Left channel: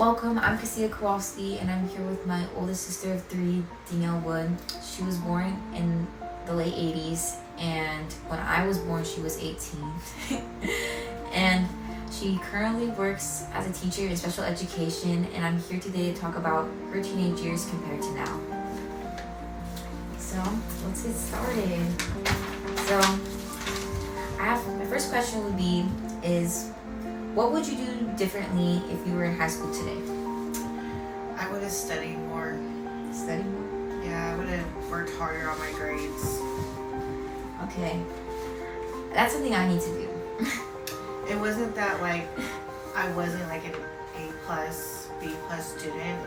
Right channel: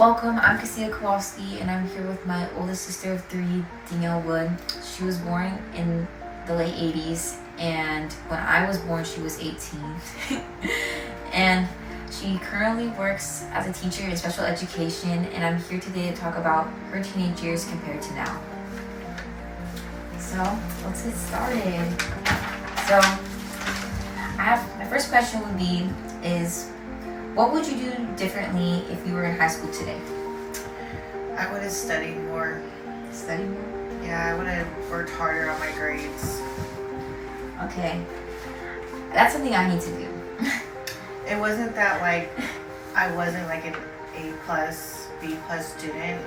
Welcome, I'm Kasia Kowalski, and I'm here with my oldest sister of 3, Danielle Wood. She was born in the late 80s, and when I was born, she was 18. And she currently works as a teacher in special education, and I'm here today to talk about her teenage years compared to now. So, let's get started. So, my first question would be, what would you do differently if you were in high school today? I would have studied more. Study more? Yeah, I would have worked harder on my grades. Okay. That's something I need to do. It wasn't that I wasn't an A+, B+ student.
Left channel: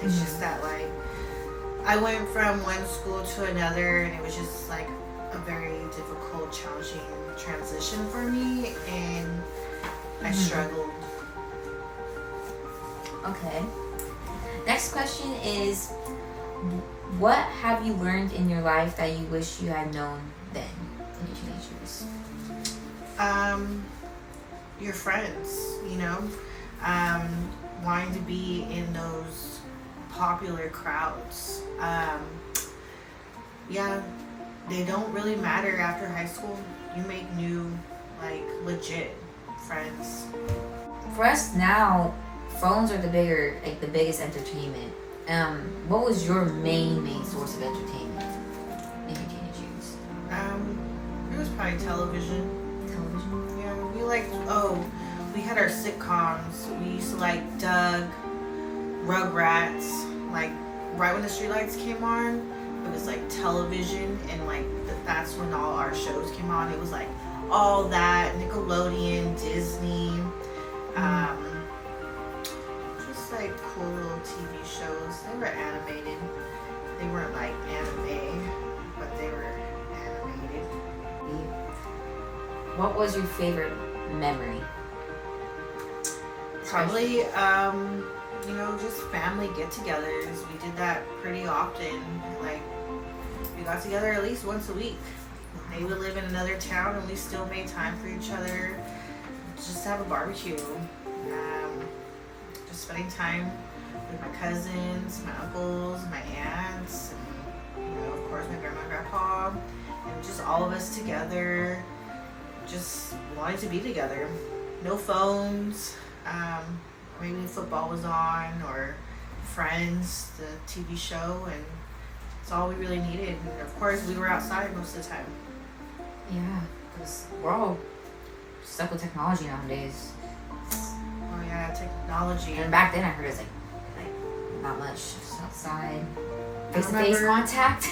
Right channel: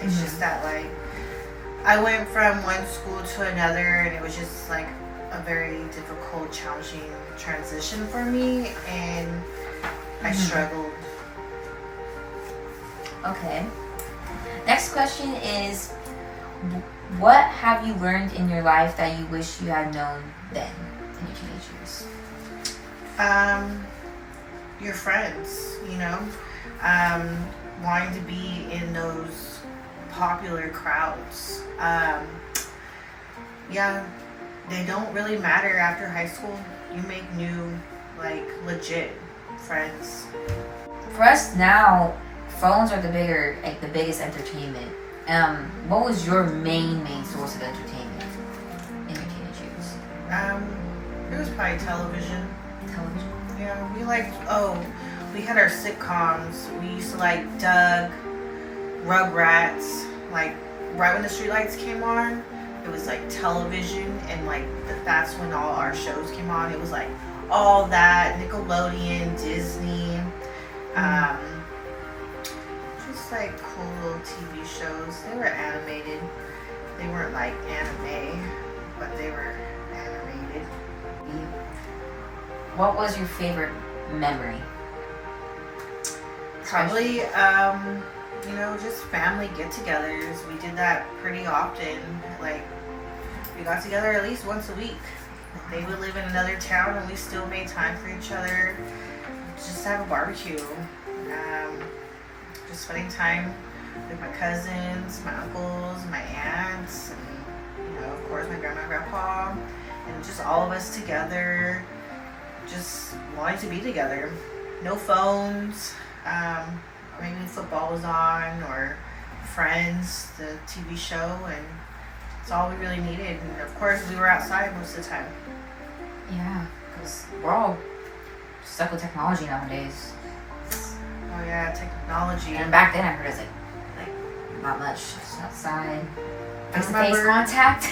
It's just that I went from one school to another, and it was just a very difficult, challenging transition for me, and I struggled. Okay. Next question is, what have you learned in your life that you wish you had known then in your teenage years? Your friends, wanting to be in those popular crowds. They don't really matter after high school. You make new, legit friends. For us now, phones are the biggest entertainment. What was your main source of entertainment in your teenage years? It was probably television. Television? Yeah, we had our sitcoms. We used to Doug, Rugrats. Right when the streetlights came on, it was television, and that's when all our shows came on. It was all that, Nickelodeon, Disney, just cool little TV shows. They were animated. They weren't anime, but they were animated. What was your favorite memory? Probably, just family get-togethers. We did that pretty often. We got together at least once a week. They would live in another town, and we still made time for each other. Just have a barbecue. Just spending time with my cousins, my uncles, my aunts, and of course my grandma and grandpa, and just all of us together, just wanting to be together. No phones. Maybe football was on, or Friends, the TV show, and it's all we really needed. And of course, we were outside most of the time. Yeah, because we're all stuck with technology nowadays. Oh yeah, technology. And back then I heard it was not much, just outside. Face-to-face contact.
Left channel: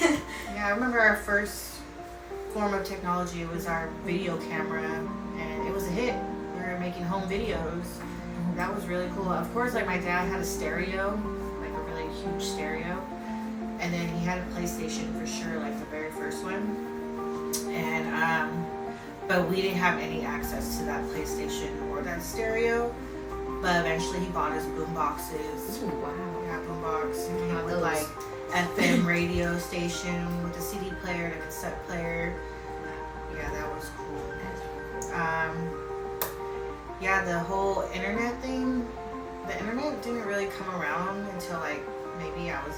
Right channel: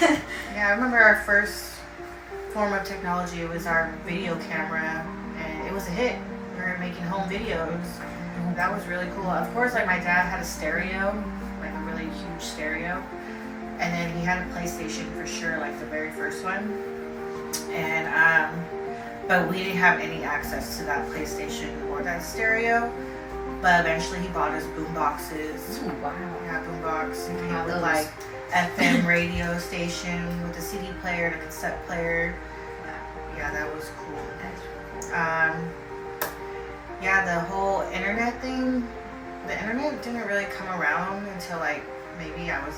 Yeah, I remember our first form of technology was our video camera, and it was a hit. We were making home videos. That was really cool. Of course, my dad had a stereo, a really huge stereo, and then he had a PlayStation for sure, the very first one. And but we didn't have any access to that PlayStation or that stereo. But eventually, he bought us boom boxes. Ooh, wow. Yeah, boom box. And he had the FM radio station with a CD player and a cassette player. Yeah, that was cool. Yeah, the whole internet thing. The internet didn't really come around until maybe I was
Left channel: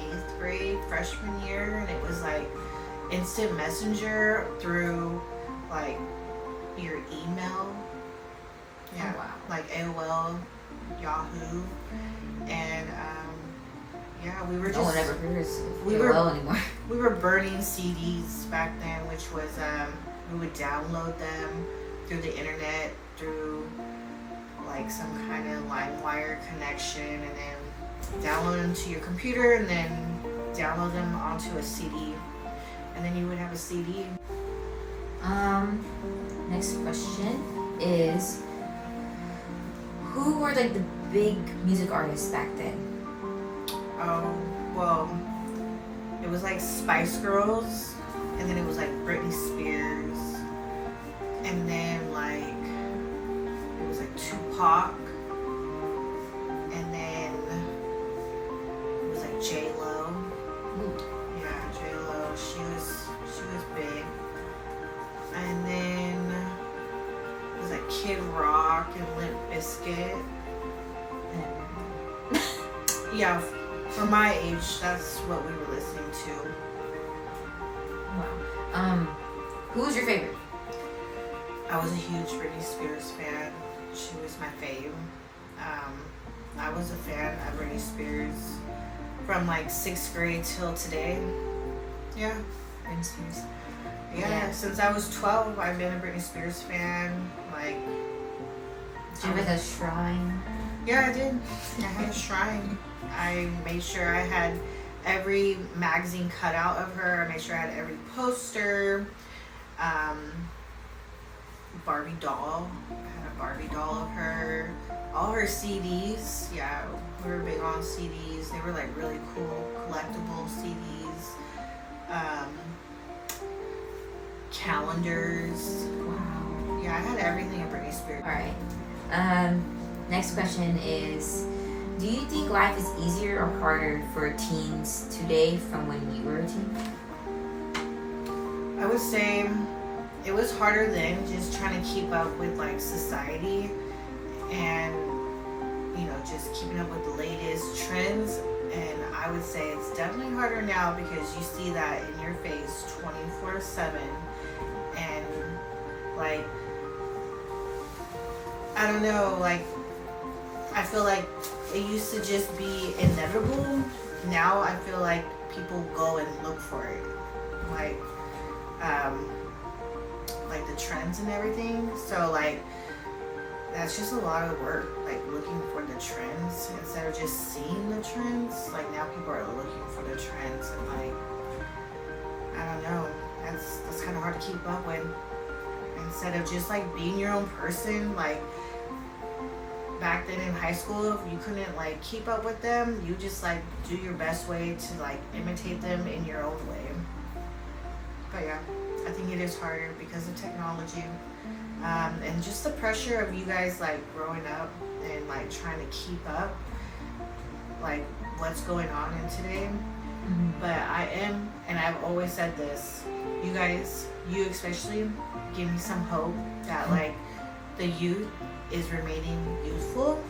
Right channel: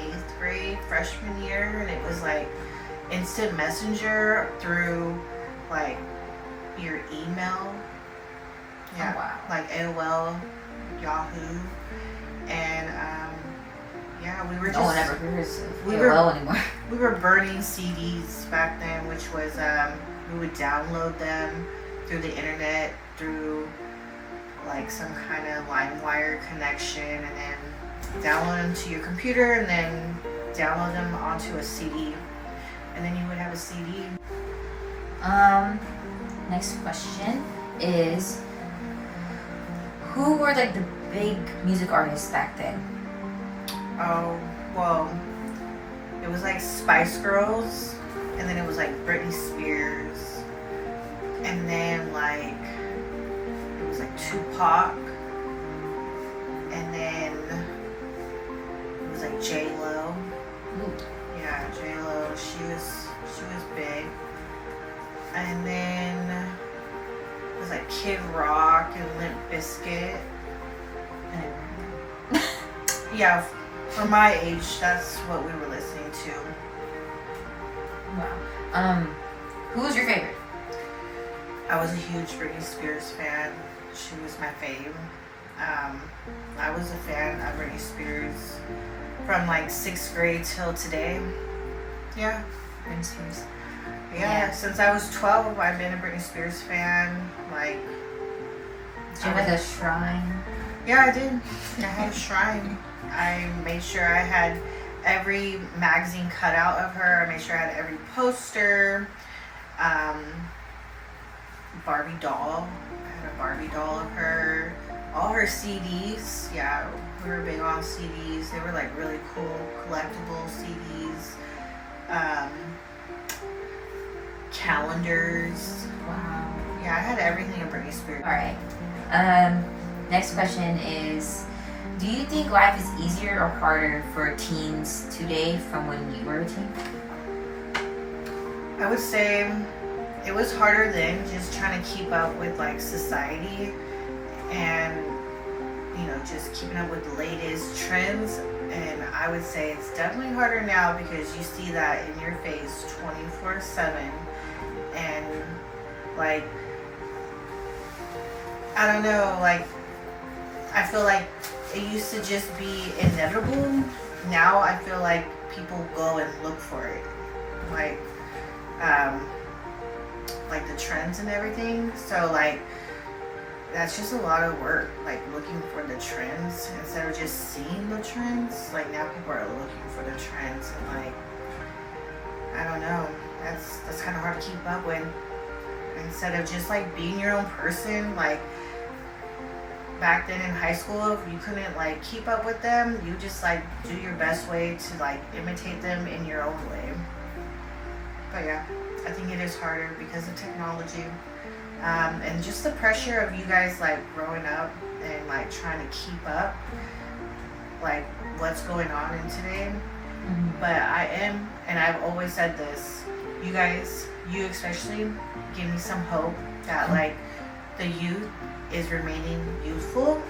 8th grade, freshman year, and it was instant messenger through your email. Yeah, oh, wow. AOL, Yahoo, and yeah, we were no one ever hears of AOL anymore. We were burning CDs back then, which was we would download them through the internet, through some kind of LimeWire connection, and then download them to your computer, and then download them onto a CD, and then you would have a CD. Next question is, who were the big music artists back then? Oh, well, it was Spice Girls, and then it was Britney Spears, and then it was Tupac, and then it was J-Lo. Ooh. Yeah, J-Lo, she was big. And then it was Kid Rock and Limp Bizkit. I never heard Yeah, for my age, that's what we were listening to. Wow. Who was your favorite? I was a huge Britney Spears fan. She was my fave. I was a fan of Britney Spears from like 6th grade till today. Yeah. Britney Spears. Yeah, since I was 12, I've been a Britney Spears fan. Like, Did you make a shrine? yeah, I did. I had a shrine. I made sure I had every magazine cut out of her. I made sure I had every poster. Barbie doll. I had a Barbie doll of her. All her CDs. Yeah, we were big on CDs. They were like really cool, collectible CDs. Calendars. Wow. Yeah, I had everything of Britney Spears. All right. Next question is, do you think life is easier or harder for teens today from when you were a teen? I would say it was harder then, just trying to keep up with like society and, you know, just keeping up with the latest trends. And I would say it's definitely harder now because you see that in your face 24/7. And like, I don't know, like, I feel like it used to just be inevitable. Now I feel like people go and look for it. Like the trends and everything. So like, that's just a lot of work, like looking for the trends instead of just seeing the trends. Like now people are looking for the trends and like, I don't know, that's kind of hard to keep up with. Instead of just like being your own person, like back then in high school, you couldn't like keep up with them. You just like do your best way to like imitate them in your own way. But yeah, I think it is harder because of technology. And just the pressure of you guys like growing up and like trying to keep up like what's going on in today. Mm-hmm. But I am, and I've always said this, you guys, you especially, give me some hope that like the youth is remaining youthful